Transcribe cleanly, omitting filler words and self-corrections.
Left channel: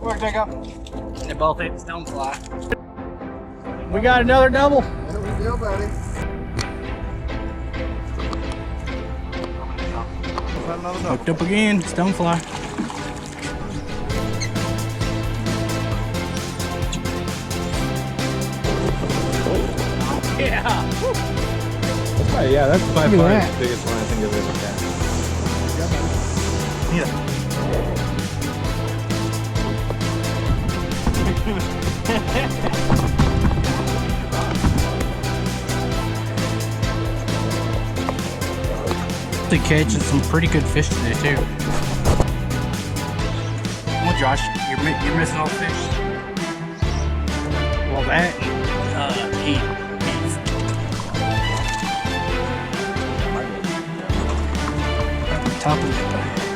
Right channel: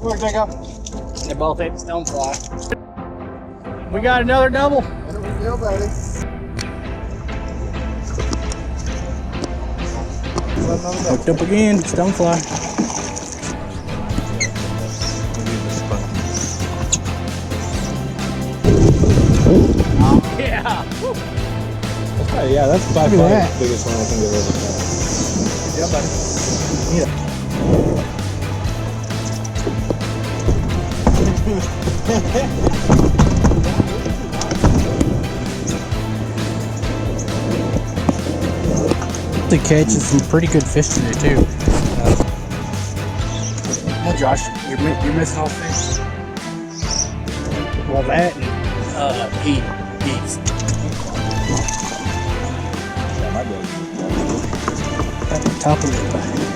Where they go? They both ate the stonefly. We got another double. There we go, buddy. Hooked up again, stonefly. Yeah. That's probably, yeah, that's by far Look at the biggest one I think I've ever caught. Yeah, buddy. Need it. They catching some pretty good fish today too. Well, Josh, you're missing all the fish. Well, that and he's at the top of it.